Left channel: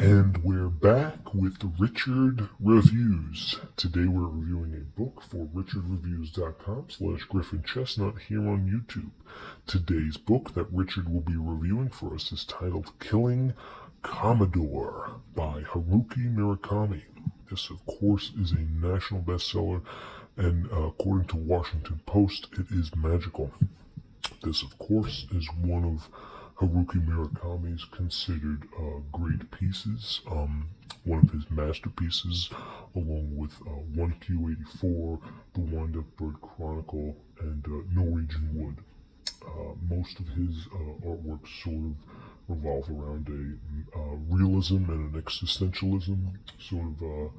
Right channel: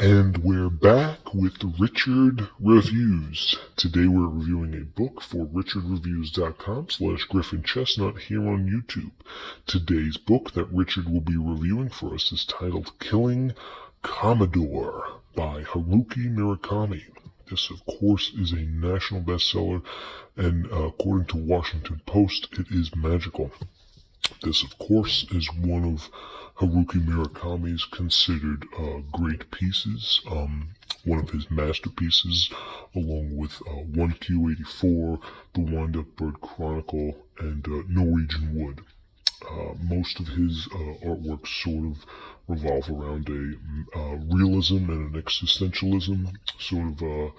And we're back with Richard Reviews. Today we're reviewing a book for richardreviews.com/GriffinChestnut here on YouTube. Today's book that Richard will be reviewing for us is titled Killing Commendatore by Haruki Murakami. This, of course, is a national bestseller, and according to Washington Post, it is magical. This, of course, is one of Haruki Murakami's considered great pieces, one of his masterpieces, along with 1Q84, The Wind-Up Bird Chronicle, and Norwegian Wood. Most of his artworks sort of revolve around a realism and an existentialism, sort of a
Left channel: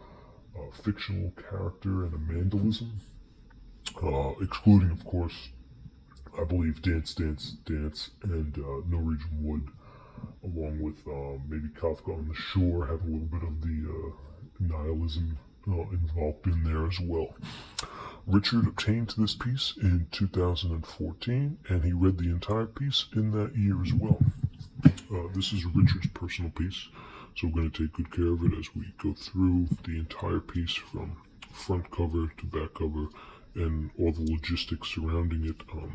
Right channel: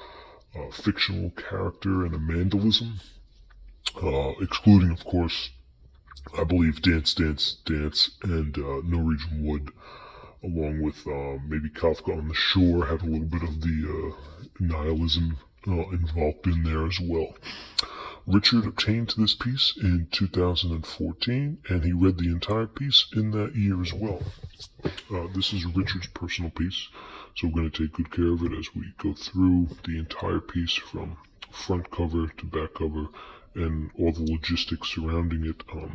fictional character and a mandalism, excluding, of course, I believe Dance, and Norwegian Wood, along with maybe Kafka on the Shore, had a little bit of the nihilism involved in there as well. Richard obtained this piece in 2014, and he read the entire piece in that year as well. This is Richard's personal piece, so we're going to take good care of it as we go through the entire piece from front cover to back cover, and all the logistics surrounding it, all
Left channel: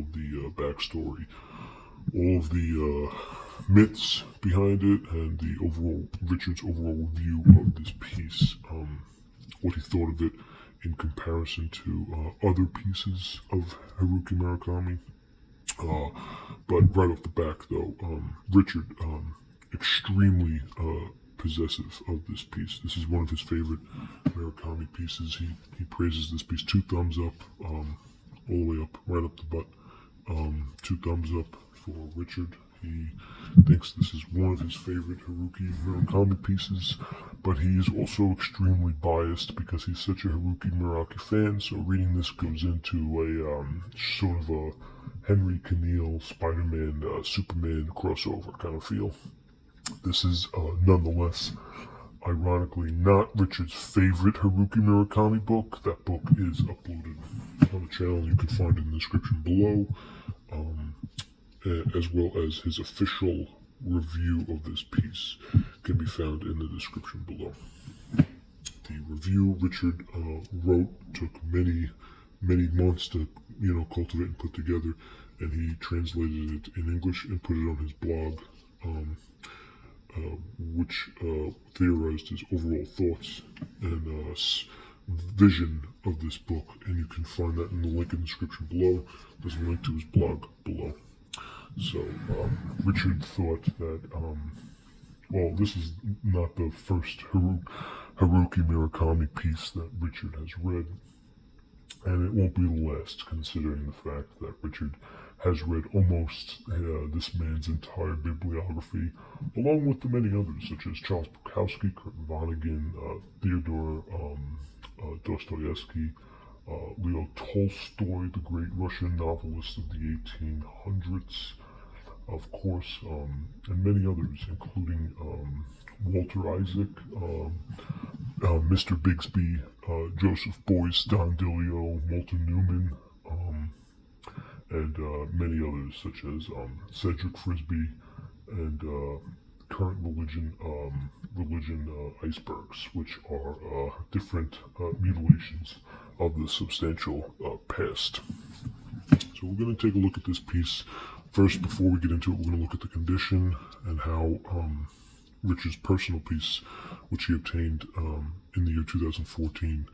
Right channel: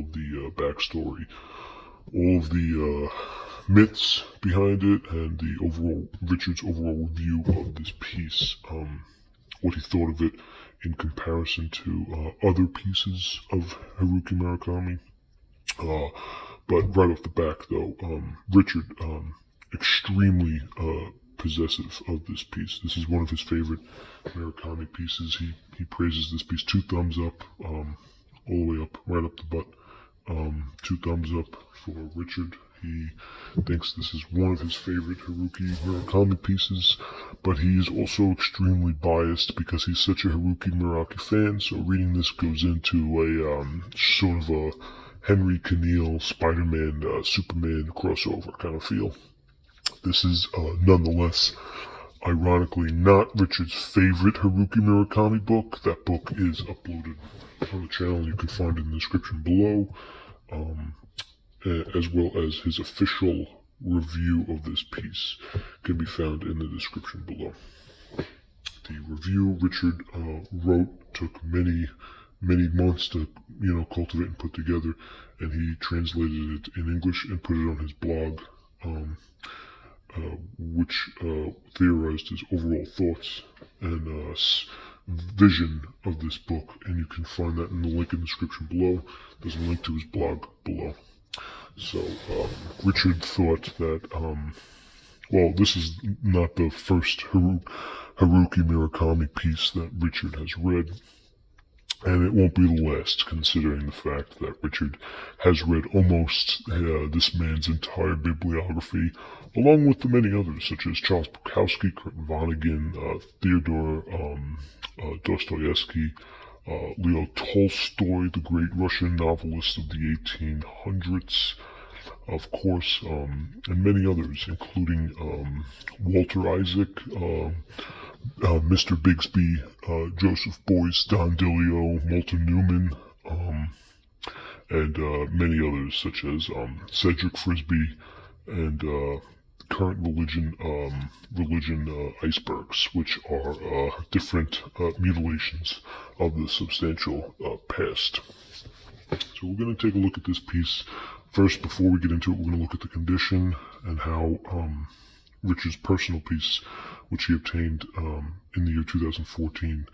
of the backstory, all of the myths behind it, and the Richard's overall review of this piece, what he thought of it in comparison to other pieces of Haruki Murakami. But right off the back, though, Richard, extremely possessive of this piece. This is one of his favorite Murakami pieces. He praises this piece 2 thumbs up, all the way up, right up the butt. 2 thumbs up for Richard. He thinks this is one of his favorite Haruki Murakami pieces, but he is also extremely biased because he's such a Haruki Murakami fan, so reading this goes into a sort of a Henry Cavill, Spider-Man, Superman crossover kind of feel. This is nonetheless, ironically, not Richard's favorite Haruki Murakami book. That book is uploaded on the channel. You can find it in the description below, as well as his official review of this piece can be found in the description below. The review Richard wrote took many months to cultivate and put together, and he translated it in English and put it on his blog, which theorized his overall thoughts and vision of this book, and you can find that in the link in the description below. There's a link to his blog below. So Richard thought that, well, this is not the first Haruki Murakami piece that Richard has read, and it won't be the last, considering the fact that Richard has read almost this man's entire bibliography, along with the many others, such as Charles Bukowski, Kurt Vonnegut, Theodore Dostoevsky, Leo Tolstoy, the great Russian novelist of the 1800s, of course, and many others, including Walter Isaac, Mr. Bixby, Joseph Beuys, Don DeLeo, Milton Newman, and many others, such as Cedric Frisbee and Current Religion Icebergs, which are different mutilations of the substantial past. So we're going to take a look at this piece. First, before we get into it, we're going to look at the condition and how Richard's personal piece, which he obtained in the year 2014,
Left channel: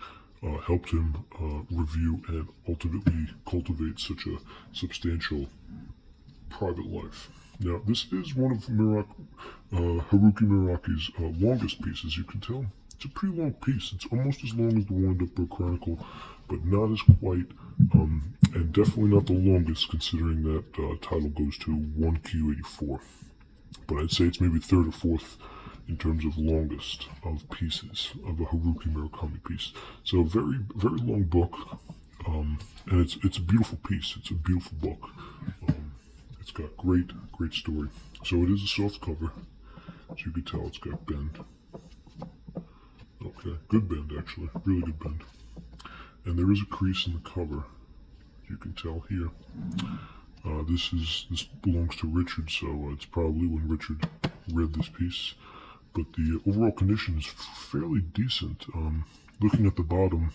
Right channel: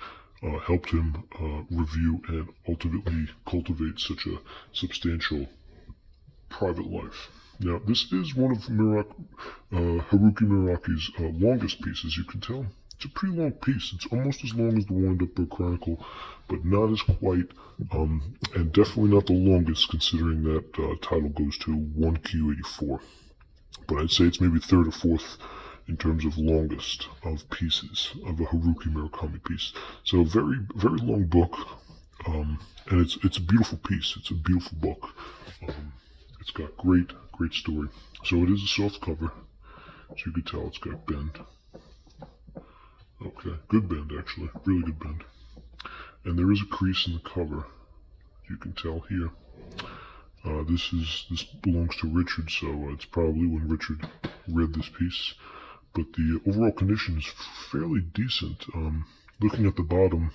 helped him review and ultimately cultivate such a substantial private life. Now, this is one of Haruki Muraki's longest pieces, you can tell. It's a pretty long piece. It's almost as long as the Wind-Up Bird Chronicle, but not as quite, and definitely not the longest, considering that title goes to 1Q84. But I'd say it's maybe 3rd or 4th in terms of longest of pieces of a Haruki Murakami piece. So a very, very long book, and it's a beautiful piece. It's a beautiful book. It's got great story. So it is a soft cover, as you can tell. It's got bend. Okay, good bend actually, really good bend. And there is a crease in the cover, as you can tell here. This belongs to Richard, so it's probably when Richard read this piece. but the overall condition is fairly decent. Looking at the bottom,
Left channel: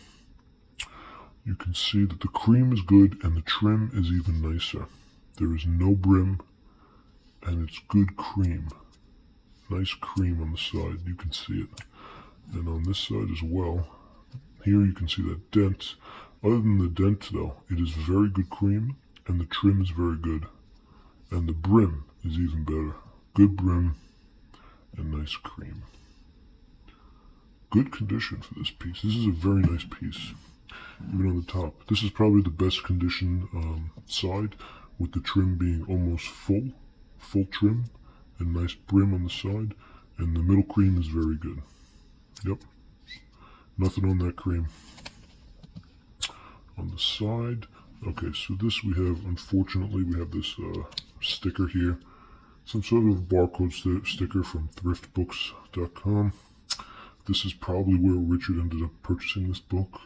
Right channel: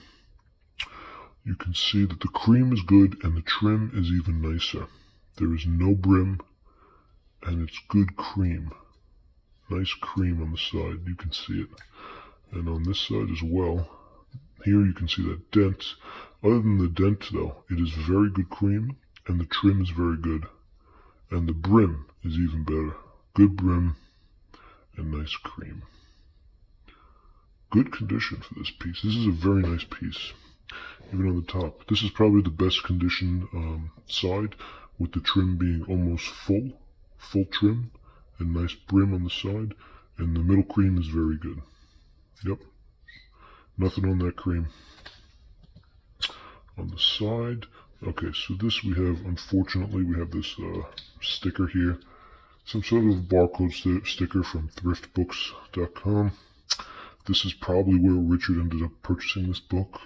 you can see that the cream is good and the trim is even nicer. There is no brim and it's good cream. Nice cream on the side, you can see it. And on this side as well, here you can see that dent. Other than the dent though, it is very good cream and the trim is very good. And the brim is even better. Good brim and nice cream. Good condition for this piece. This is a very nice piece. Even on the top. This is probably the best condition side, with the trim being almost full trim and nice brim on the side, and the middle cream is very good. Yep, nothing on that cream. On the side, okay, so this we have, unfortunately, we have this sticker here, some sort of barcode sticker from thriftbooks.com. This is probably where Richard ended up purchasing this book.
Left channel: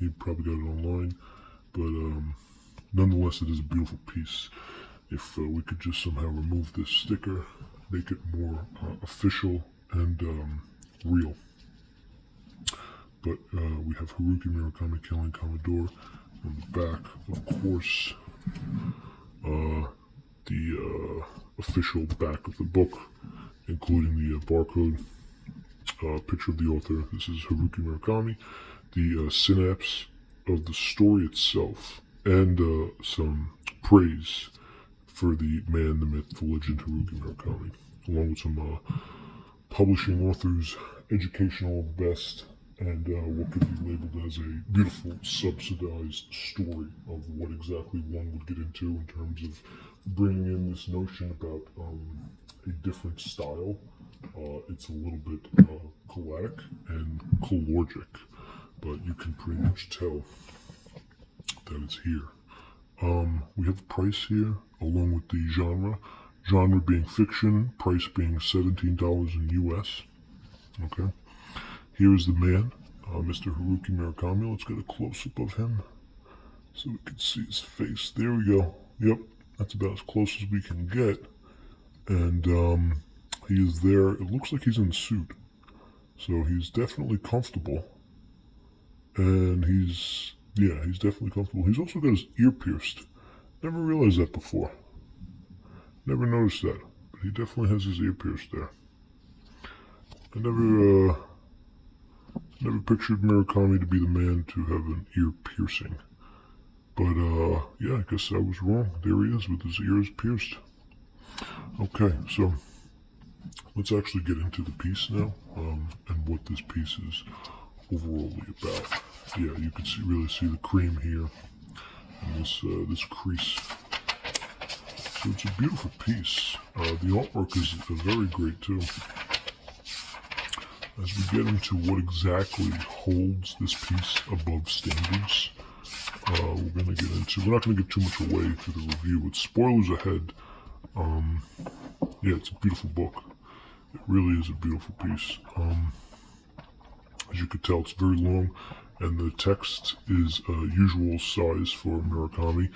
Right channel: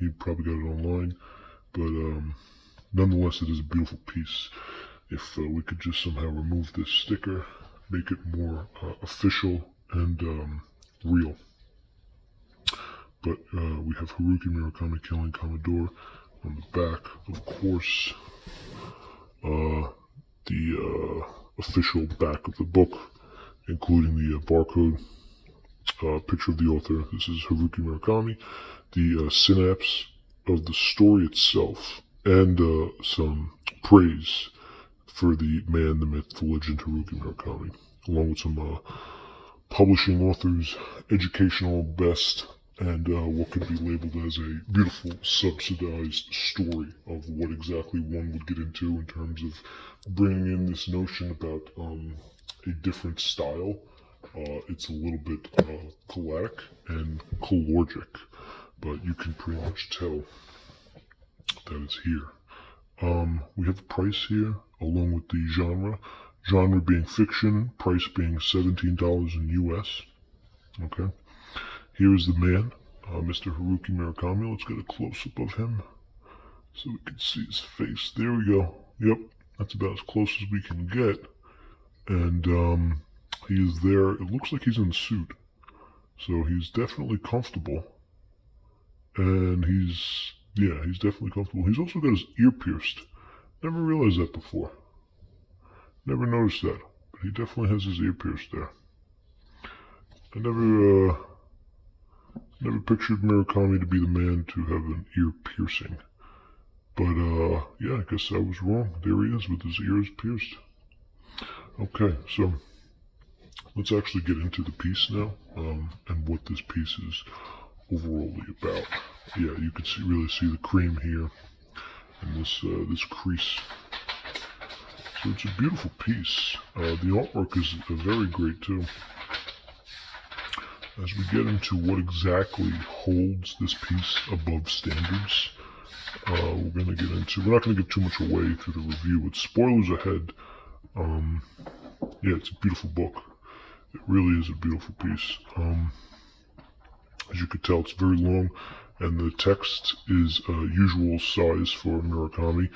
He probably got it online, but nonetheless, it is a beautiful piece. If we could just somehow remove this sticker, make it more official and real. But we have Haruki Murakami killing Commendatore on the back. Of course, the official back of the book, including the barcode, picture of the author. This is Haruki Murakami. The synapse of the story itself, and some praise for the man, the myth, the legend, Haruki Murakami, along with some publishing authors' educational best, and what could be labeled as a beautiful subsidized story of what exactly one would get into in terms of bringing in this notion about a different style. It's a little bit cholic and calorgic, but you can pretty much tell that it's here. We have a price here, along with the genre being fiction, price being $17 in US. Okay, here's the man, Mr. Haruki Murakami. Let's get a close-up of him so we can see his face. There we go. Yep, that's about as close as we can get. And he is there. It looks like he's in a suit, so he's definitely comfortable. And he's definitely comfortable. He's also got his ear pierced. Never realized that before. Never noticed that. But he definitely has his ear pierced there. I never pictured Murakami to be the man to have an ear piercing. But yeah, I guess I was wrong. There he is with his ears pierced. Okay, so let's actually get into the piece now, and what this piece is overall about. Yeah, you can really see the cream here, and this crease. So it's a beautiful piece. The artwork is very great too. As we get into what exactly holds this piece above standards, we're not going to give too much away through the review. With spoilers ahead, yeah, it's a beautiful book. It really is a beautiful piece. As you could tell, it's very long, and the text is usual size for Murakami,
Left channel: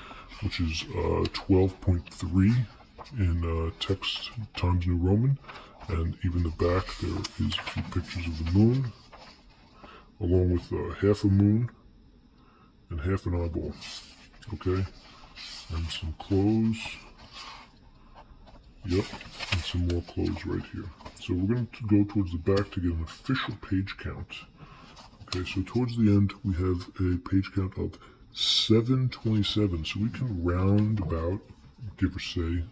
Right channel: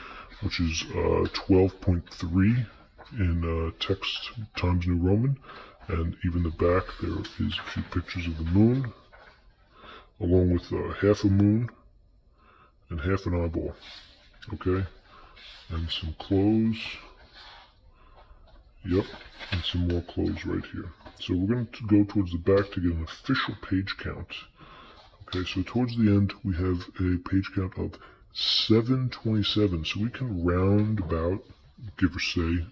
which is 12.3 in text Times New Roman, and even the back there is a few pictures of the moon, along with half a moon and half an eyeball. Okay, and some clothes. Yep, and some more clothes right here. So we're going to go towards the back to get an official page count. Okay, so towards the end we have a page count of 727. So we can round about, give or say,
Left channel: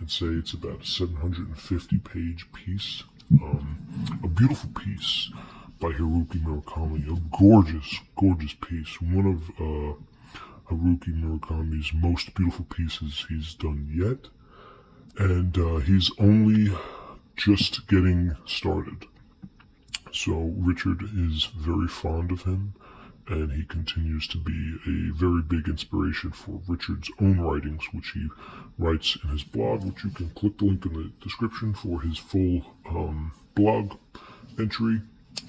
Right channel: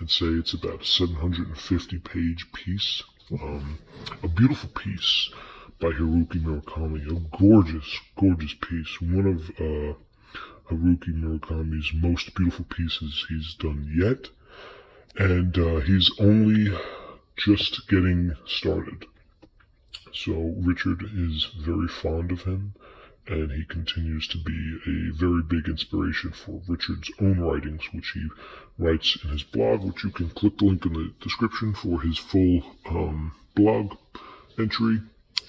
and say it's about a 750 page piece. A beautiful piece by Haruki Murakami. A gorgeous, gorgeous piece. One of Haruki Murakami's most beautiful pieces he's done yet. And he's only just getting started. So Richard is very fond of him, and he continues to be a very big inspiration for Richard's own writings, which he writes in his blog, which you can click the link in the description for his full blog entry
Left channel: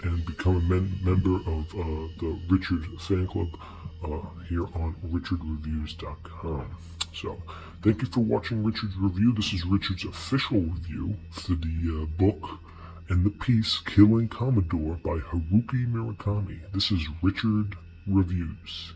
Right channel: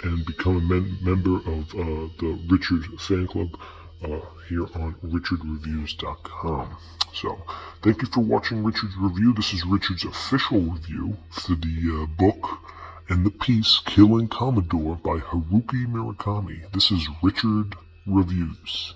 and become a member of the Richard fan club here on richardreviews.com. So Thank you for watching Richard's review. This is Richard's official review for the book and the piece Killing Commodore by Haruki Murakami. This is Richard Reviews.